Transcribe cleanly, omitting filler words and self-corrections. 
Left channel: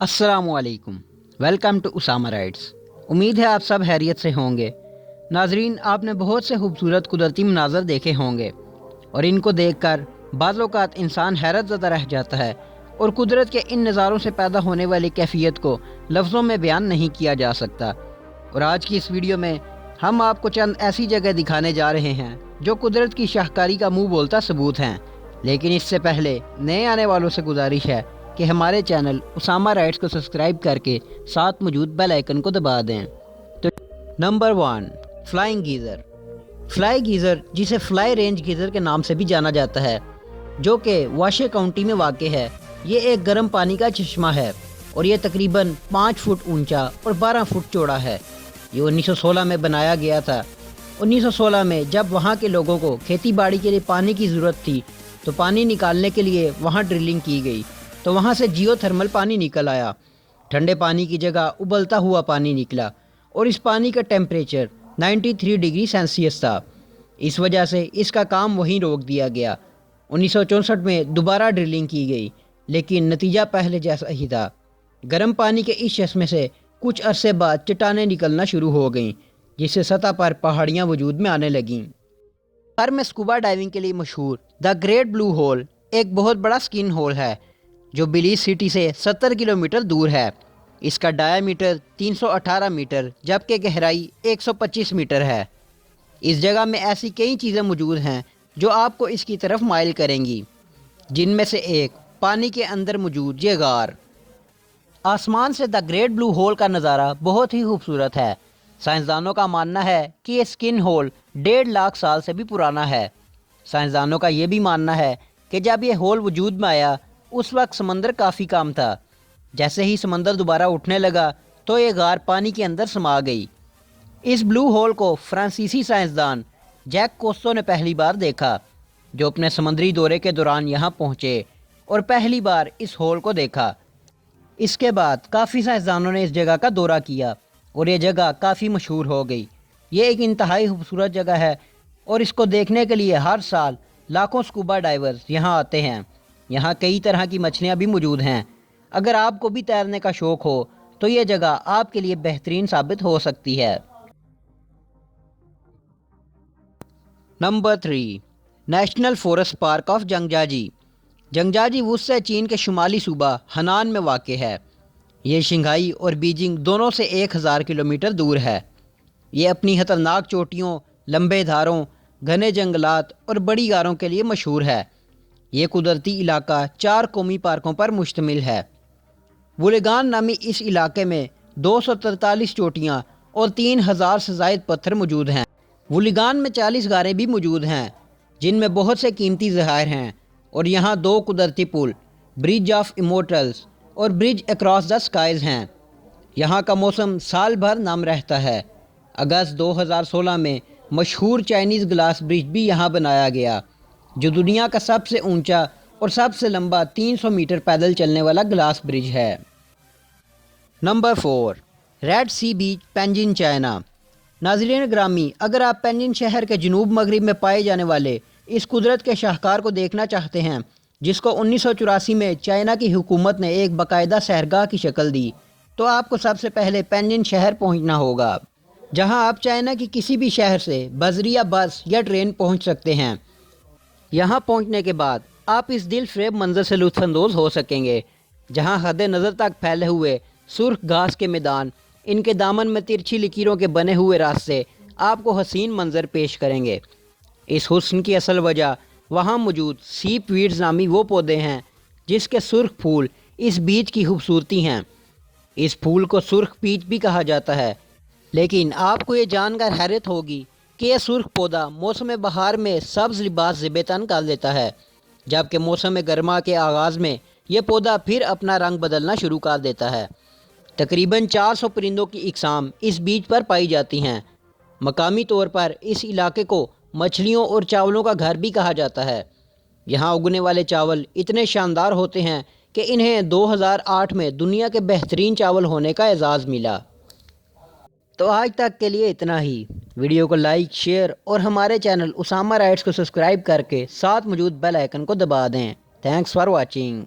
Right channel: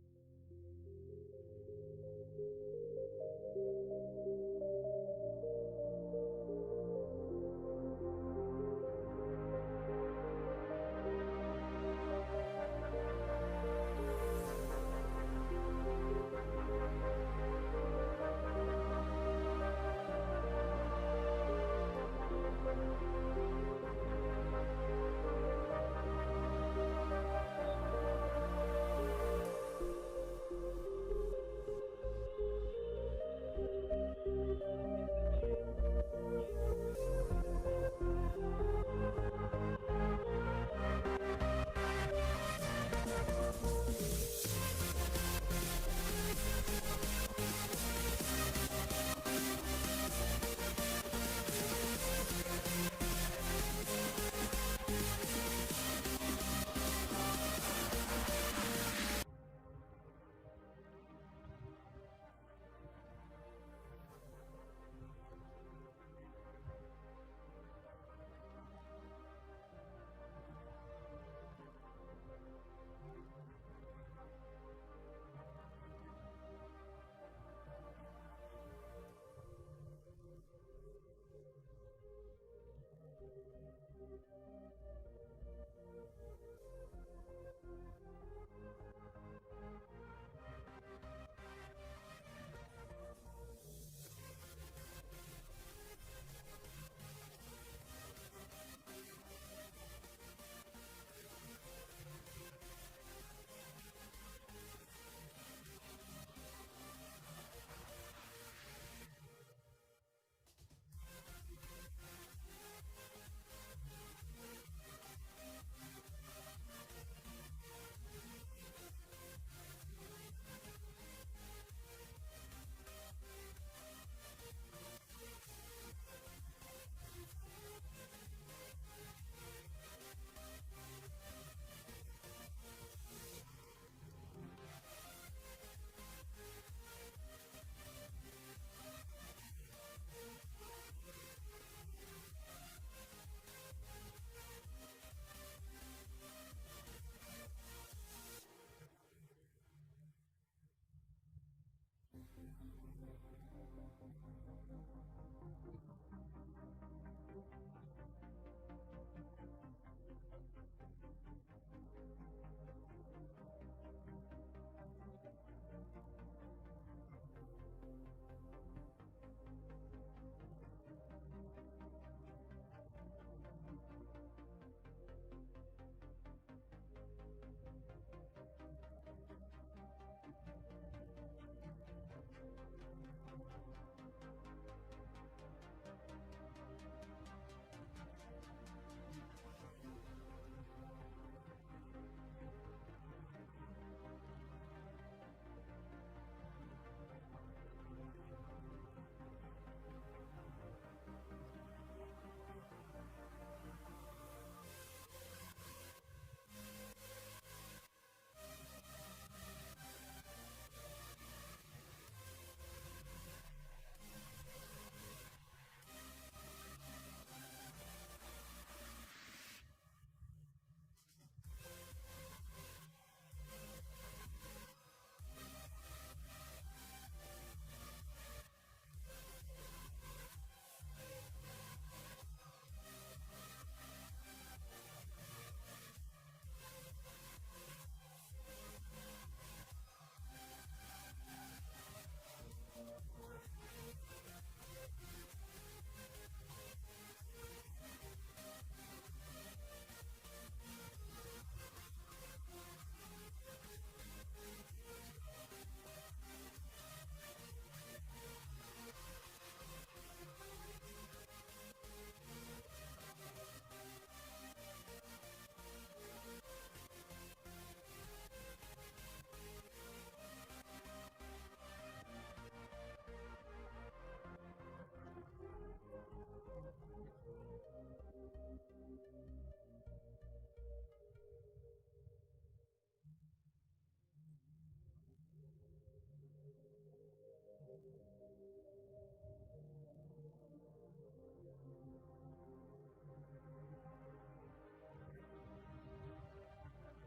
अस्सलामुअलैकुम। Welcome to Usama Writes. उम्मीद है आप सब खैरियत से होंगे। नाजरीन, आपने बहुत से खूबसूरत कुदरती मनाज़र देखे होंगे और इनको देखकर बाज़ औक़ात इंसान हैरत ज़दा रह जाता है और कुदरत के इन नज़ारों से पैदा होने वाली कैफियत को लफ्ज़ों में बयान नहीं किया जा सकता। और आज की इस वीडियो में हम आपको चंद ऐसी जगह दिखाने जा रहे हैं जो कुदरत की शाहकारी का मुँह बोलता सबूत हैं। लेकिन इससे पहले नए आने वालों से गुजारिश है कि हमारे चैनल उसामा राइट्स को सब्सक्राइब करके साथ मौजूद बेल आइकन को दबा दें। तो number 1, flying geyser. Fly geyser, जिसे फ्लाई रेंज गीज़र के नाम से भी जाना जाता है, जो कि वाशे काउंटी में वाक़ है, ये एक गर्म पानी का चश्मा है और ये तकरीबन 5 फुट ऊंचा और 12 फुट चौड़ा है। ये 1916 में बनाया गया था। 1916 में जब वहाँ के लोगों को खेती बाड़ी के लिए पानी की ज़रूरत थी तो पानी निकालने के लिए वहाँ ड्रिलिंग की गई, तो वहाँ से जियोथर्मल पानी निकल आया। ठंडे पानी की जगह उबलता हुआ पानी निकला और इस पानी का टेम्परेचर 93 डिग्री सेल्सियस था। इस वजह से इसका काम वहीं रोक दिया गया। 1964 में दोबारा ड्रिलिंग की गई, लेकिन नतीजा पहले जैसा ही था। गर्म पानी के इस चश्मे से कुछ अरसे बाद चट्टानें निकलना शुरू हो गईं, जिससे सतह पर पहाड़ियाँ वजूद में आने लगीं। बाहर में स्कूबा डाइविंग के लिए मशहूर द ग्रेट ब्लू होल एक बहुत बड़ा स्किन होल है जो बिलीज सिटी से 70 किलोमीटर दूर है। इसका डायामीटर 318 मीटर जबकि गहराई 125 मीटर है। इस जगह में ऐसी कई चीज़ें मौजूद हैं जो आपको इसकी तरफ माइल करेंगी, जिनमें से एक पानी के अंदर मौजूद ये गार। आसमान से द ग्रेट ब्लू होल का नज़ारा बहुत ही खूबसूरत है। साइंसदानों का मानना है कि ये स्किन होल 1.5 लाख साल से भी पुराना है। साइंसदानों का ये भी मानना है कि जब ये होल वजूद में आया उस वक्त समंदर काफ़ी कम था। जैसे ही समंदर दोबारा उठने लगा तो ये गार पानी के अंदर समा गई। इस ब्लू होल को फ्रांसीसी साइंसदान जैक कोस्टो ने पहली बार देखा, जो अपने समुद्री दौरे के दौरान यहाँ पहुँचे और पहली बार इस होल को देखा। इसके बाद काफ़ी साइंसदानों ने इस जगह का दौरा किया और ये जगह काफ़ी मशहूर हो गई। ये एक इंतहाई खूबसूरत जगह है और इसको देखने के लिए हर साल लाखों स्कूबा डाइवर्स यहाँ आते हैं। यहाँ कई तरह की मछलियाँ भी मौजूद हैं। अगर आपको भी तैरने का शौक़ हो तो ये जगह आपके लिए बेहतरीन साबित हो सकती है। Number 3, National Forest Park of Zhangjiajie. Zhangjiajie वुत्से चीन के शुमाली सूबा हनान में वाक़ है। ये शंघाई और बीजिंग दोनों से 1000 किलोमीटर दूर है। ये अपनी खतरनाक चोटियों, लंबे धारों, घने जंगलात और बड़ी गारों के लिए मशहूर है। ये कुदरती इलाका 4 कौमी पार्कों पर मुश्तमिल है। वुलेगान नामी इस इलाके में 243 चोटियाँ और 3000 से ज़ायद पत्थर मौजूद हैं। वुलेगान में 40 गारें भी मौजूद हैं, जिनमें बहुत से कीमती ज़खायर हैं और यहाँ 2 कुदरती पुल, ब्रिज ऑफ इमोर्टल्स और ब्रिज अक्रॉस द स्काइज़ हैं। यहाँ का मौसम साल भर नम रहता है। अगस्त 2016 में मशहूर चाइनीज़ ग्लास ब्रिज भी यहाँ बनाया गया, जो दुनिया का सबसे ऊंचा और सबसे लंबा 300 मीटर पैदल चलने वाला ग्लास ब्रिज है। नंबर 4, रेड सी बीच, पेंजिन, चाइना। नाज़रीन ग्रामी, अगर आप पेंजिन शहर के जनूब मगरिब में पाए जाने वाले इस कुदरत के शाहकार को देखना चाहते हैं, जिसको 1984 में चाइना की हुकूमत ने एक बाकायदा सैरगाह की शक्ल दी, तो आपको सबसे पहले पेंजिन शहर पहुंचना होगा, जहां आप चाइना की किसी भी शहर से बजरिया बस या ट्रेन पहुंच सकते हैं। यहां पहुंचने के बाद आप इस दिलफरेब मंजर से लुत्फ़अंदोज़ हो सकेंगे, जहां हद नज़र तक फैले हुए सुर्ख घास के मैदान, इनके दामन में तिरछी लकीरों के बने हुए रास्ते आपको हसीन मंजर पेश करेंगे। इस हुस्न की असल वजह वहाँ मौजूद सीप वीड्स नामी वो पौधे हैं जिसके सुर्ख फूल इस बीच की खूबसूरती हैं। इस फूल को सुर्ख पीच भी कहा जाता है। लेकिन आपको ये जानकर हैरत होगी कि यह सुर्ख पौधा मौसम बहार में सब्ज़ लिबास ज़िबे-तन कर देता है, जबकि मौसम गर्मा के आगाज़ में यह पौधा फिर अपना रंग बदलना शुरू कर देता है। तकरीबन 400 परिंदों की इकसाम इस बीज पर पाई जाती हैं। मकामी तौर पर इस इलाके को मछलियों और चावलों का घर भी कहा जाता है। यहाँ उगने वाले चावल इतने शानदार होते हैं कि इन्हें 2008 में दुनिया के बेहतरीन चावल होने का एजाज़ मिला। तो आज तक के लिए इतना ही। वीडियो को लाइक, शेयर और हमारे चैनल उसामा राइट्स को सब्सक्राइब करके साथ मौजूद बेल आइकन को दबा दें। Thanks for watching.